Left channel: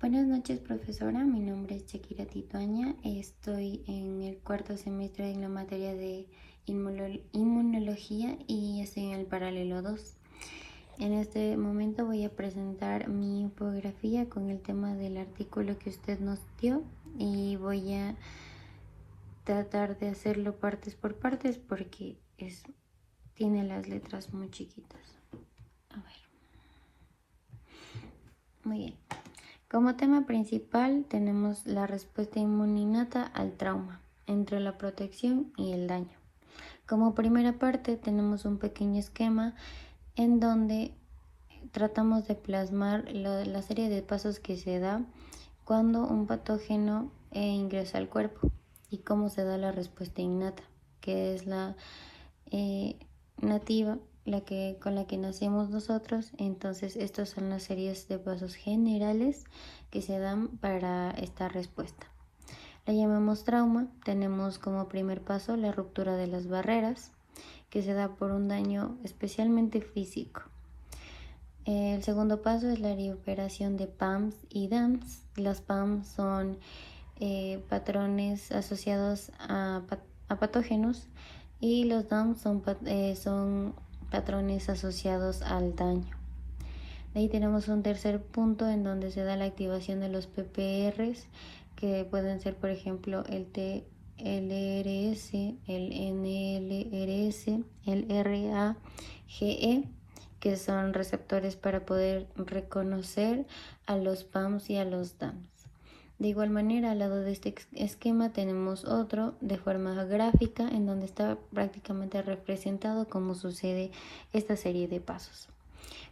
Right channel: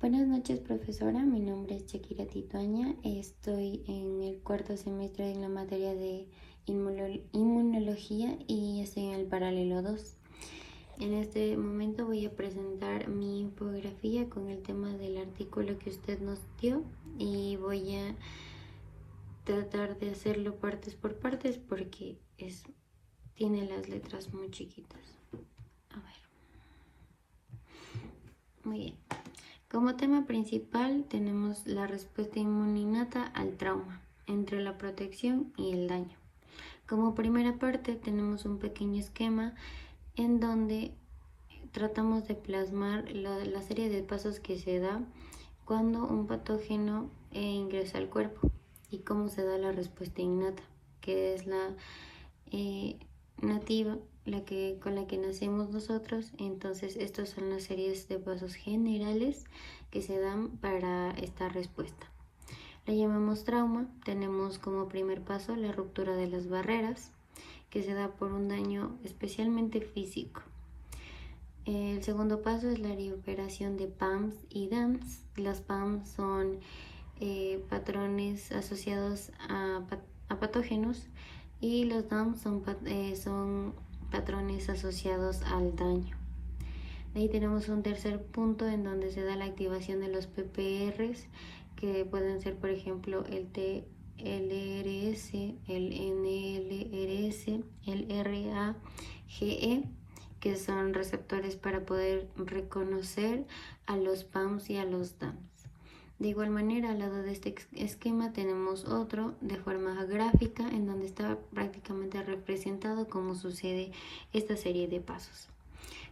Buenas noches, profesora. Mi nombre es Shakira Tituaña. Estoy en el cuarto semestre en la materia de inmunología y estoy en el paralelo 2. En este momento voy a presentar mi infografía con el tema del artículo que usted nos dio y voy a tratar de hacerlo partes por partes porque tiene las letras muy chiquitas. A ver. Muy bien. Como tema principal tenemos la respuesta inmune innata al trauma, entre la protección y el daño. Como primera parte tenemos un pequeño esquema en donde tratamos de plasmar la serie de pasos que se da cuando un patógeno ingresa al cuerpo y cómo se da la respuesta innata, que es la nativa, con la que nacemos nosotros. Entonces estos son las series de pasos generales que se dan para esta respuesta. La llamamos trauma. Tenemos como primer paso la ruptura de las barreras, que se da por un daño especialmente físico. El segundo paso es la recuperación de PAMs y DAMs. Las PAMs son patrones asociados a patógenos y los DAMs son patrones asociados al daño. De ahí tenemos un tercer punto en donde se da la activación de los PPRs, que pueden ser, por ejemplo, el TLRS, el NLRS, el RAGE, que son receptores para poder reconocer a los PAMs y a los DAMs. De igual manera, al lado de este esquema tenemos otro de forma gráfica en donde está prácticamente representado cómo sucede esta serie de pasos.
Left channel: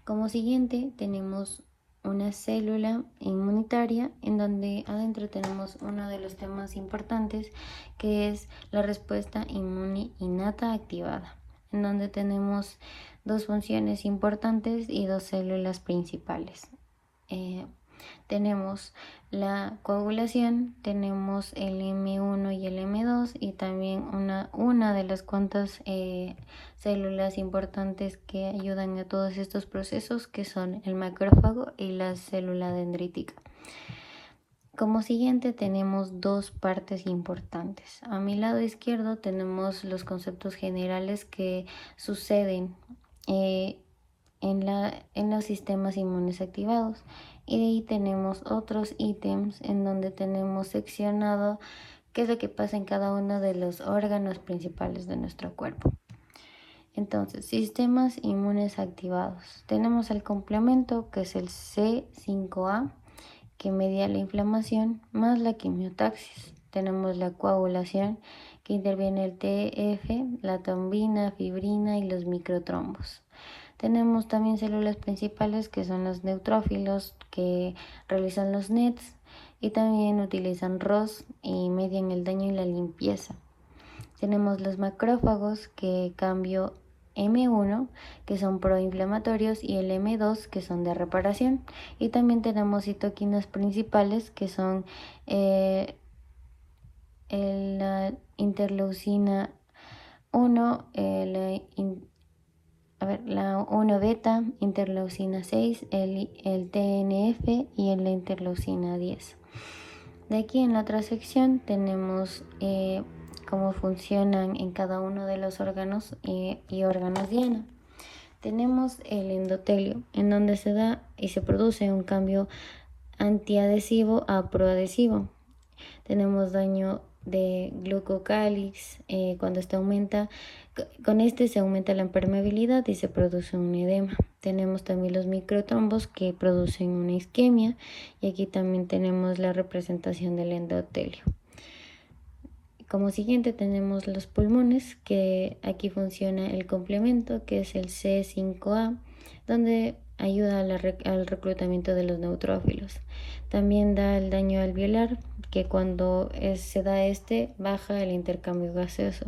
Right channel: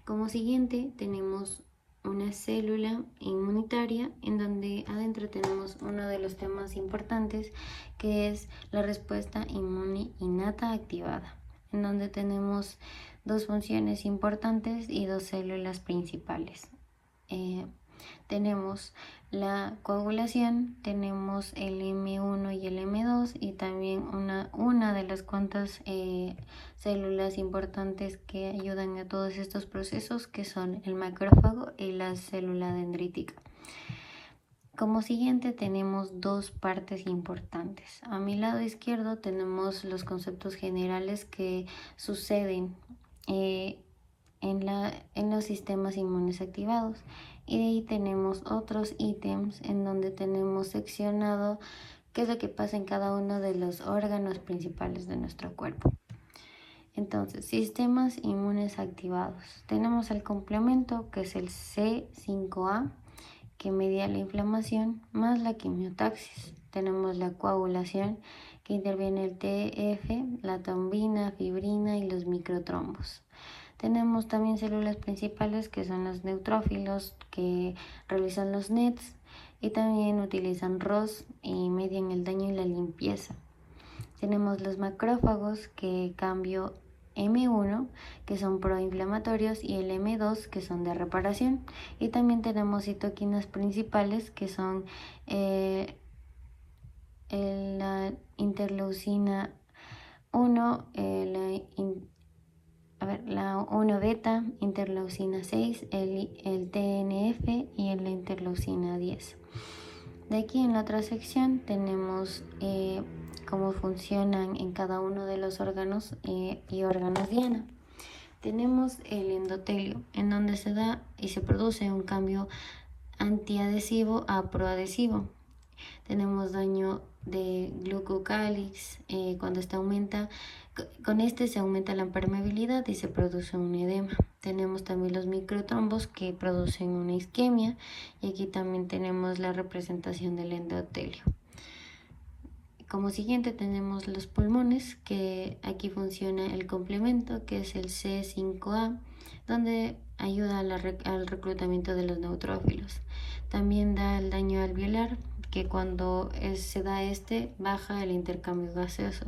Como siguiente tenemos una célula inmunitaria en donde adentro tenemos uno de los temas importantes, que es la respuesta inmune innata activada, en donde tenemos dos funciones importantes y dos células principales. Tenemos la coagulación, tenemos el M1 y el M2 y también una de las cuantas células importantes que ayudan a todos estos procesos, que son el macrófago y la célula dendrítica. Como siguiente tenemos dos partes importantes. A mi lado izquierdo tenemos los conceptos generales que suceden en los sistemas inmunes activados, y de ahí tenemos otros ítems en donde tenemos seccionado qué es lo que pasa en cada uno de los órganos principales de nuestro cuerpo. Entonces, sistemas inmunes activados. Tenemos el complemento, que es el C5A, que media la inflamación, más la quimiotaxis. Tenemos la coagulación, que interviene el TF, la trombina, fibrina y los microtrombos. Tenemos también células principales, que son los neutrófilos, que realizan los NETs y también utilizan ROS y median el daño y la limpieza. Tenemos los macrófagos, que cambio M1, que son proinflamatorios, y el M2, que son de reparación. Y también tenemos citoquinas principales, que son la interleucina 1, la 1 beta, interleucina 6, el TNF y la interleucina 10. De aquí en la otra sección tenemos cómo funcionan en cada uno de los órganos y órganos diana. Tenemos el endotelio, en donde se da y se produce un cambio antiadhesivo a proadhesivo. Tenemos daño de glucocálix, cuando este aumenta, con este se aumenta la permeabilidad y se produce un edema. Tenemos también los microtrombos, que producen una isquemia, y aquí también tenemos la representación del endotelio. Como siguiente tenemos los pulmones, que aquí funciona el complemento, que es el C5A, donde ayuda al reclutamiento de los neutrófilos. También da el daño alveolar, que cuando se da baja el intercambio gaseoso.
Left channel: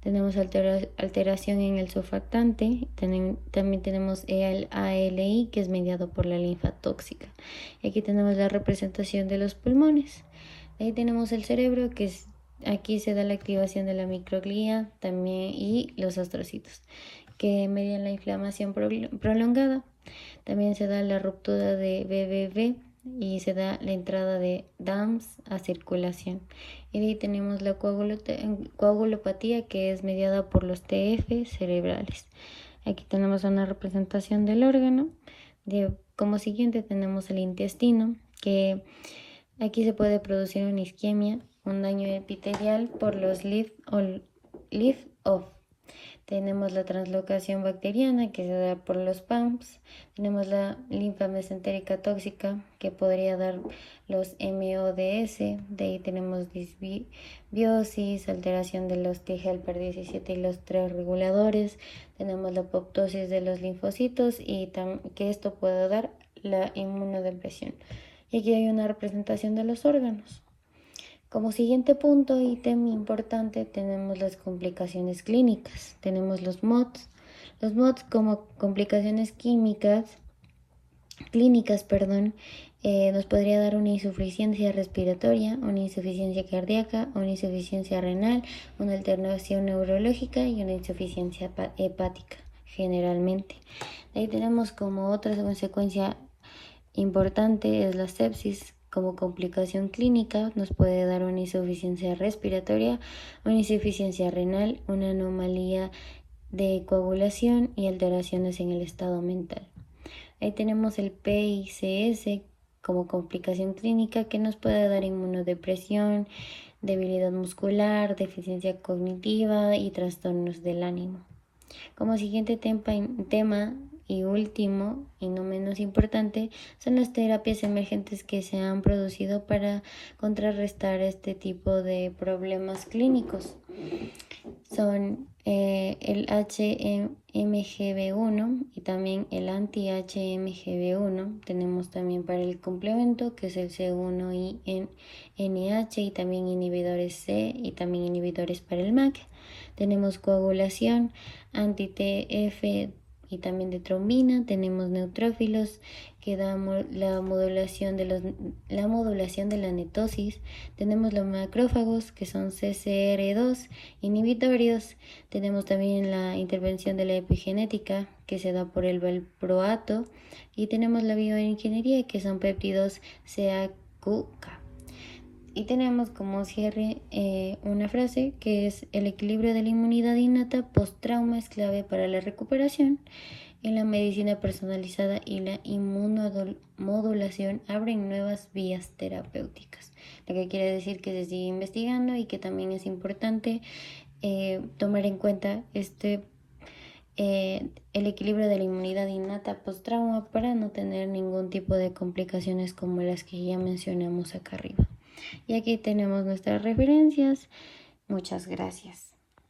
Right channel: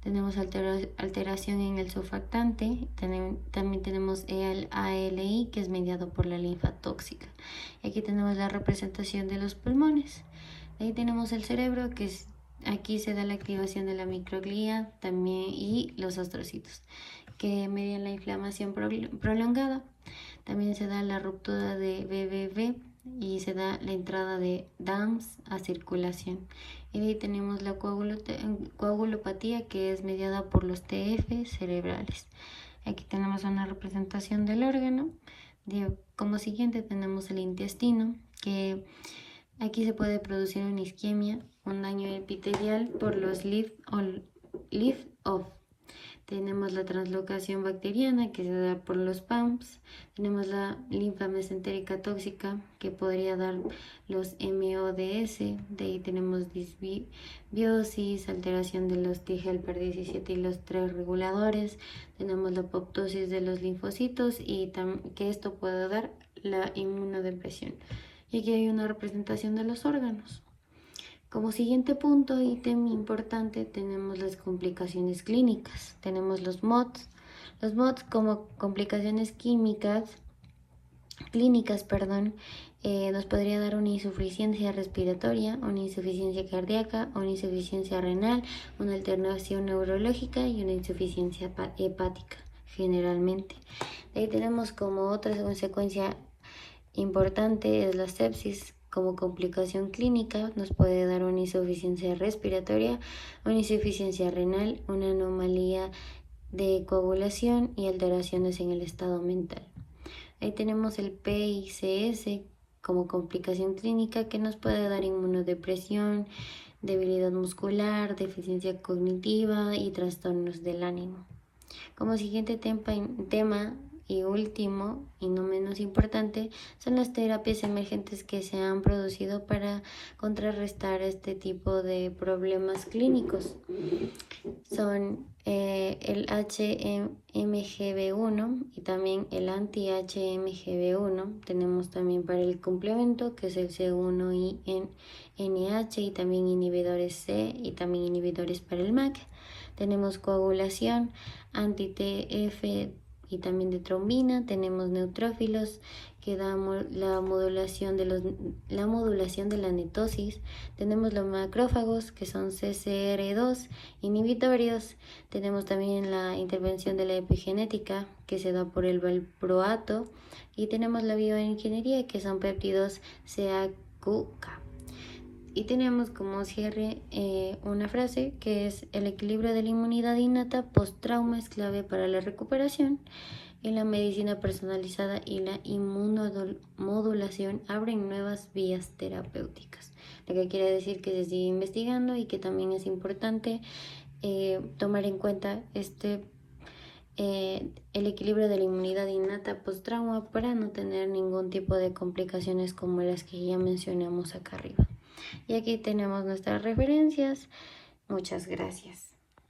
Tenemos alteración en el surfactante. También tenemos el ALI, que es mediado por la linfa tóxica. Y aquí tenemos la representación de los pulmones. Ahí tenemos el cerebro, que aquí se da la activación de la microglía también, y los astrocitos, que median la inflamación prolongada. También se da la ruptura de BBB y se da la entrada de DAMS a circulación. Y de ahí tenemos la coagulopatía, que es mediada por los TF cerebrales. Aquí tenemos una representación del órgano. Como siguiente tenemos el intestino, que aquí se puede producir una isquemia, un daño epitelial por los lift-off. Tenemos la translocación bacteriana, que se da por los PAMPs. Tenemos la linfa mesentérica tóxica, que podría dar los MODS. De ahí tenemos disbiosis, alteración de los T-helper 17 y los 3 reguladores. Tenemos la apoptosis de los linfocitos y que esto puede dar la inmunodepresión. Y aquí hay una representación de los órganos. Como siguiente punto, ítem importante, tenemos las complicaciones clínicas. Tenemos los MODS. Los MODS como complicaciones clínicas, nos podría dar una insuficiencia respiratoria, una insuficiencia cardíaca, una insuficiencia renal, una alteración neurológica y una insuficiencia hepática, generalmente. Ahí tenemos como otra consecuencia importante es la sepsis. Como complicación clínica nos puede dar una insuficiencia respiratoria, una insuficiencia renal, una anomalía de coagulación y alteraciones en el estado mental. Ahí tenemos el PICS como complicación clínica, que nos puede dar inmunodepresión, debilidad muscular, deficiencia cognitiva y trastornos del ánimo. Como siguiente tema y último, y no menos importante, son las terapias emergentes que se han producido para contrarrestar este tipo de problemas clínicos. Son el HMGB1 y también el anti-HMGB1. Tenemos también para el complemento, que es el C1 y NH, y también inhibidores C y también inhibidores para el MAC. Tenemos coagulación, anti-TF y también de trombina. Tenemos neutrófilos, que dan la modulación de la netosis. Tenemos los macrófagos, que son CCR2 inhibitorios. Tenemos también la intervención de la epigenética, que se da por el valproato. Y tenemos la bioingeniería, que son péptidos CAQK. Y tenemos como cierre una frase que es: el equilibrio de la inmunidad innata post-trauma es clave para la recuperación, y la medicina personalizada y la inmunomodulación abren nuevas vías terapéuticas. Lo que quiere decir que se sigue investigando y que también es importante tomar en cuenta el equilibrio de la inmunidad innata post-trauma para no tener ningún tipo de complicaciones como las que ya mencionamos acá arriba. Y aquí tenemos nuestras referencias. Muchas gracias.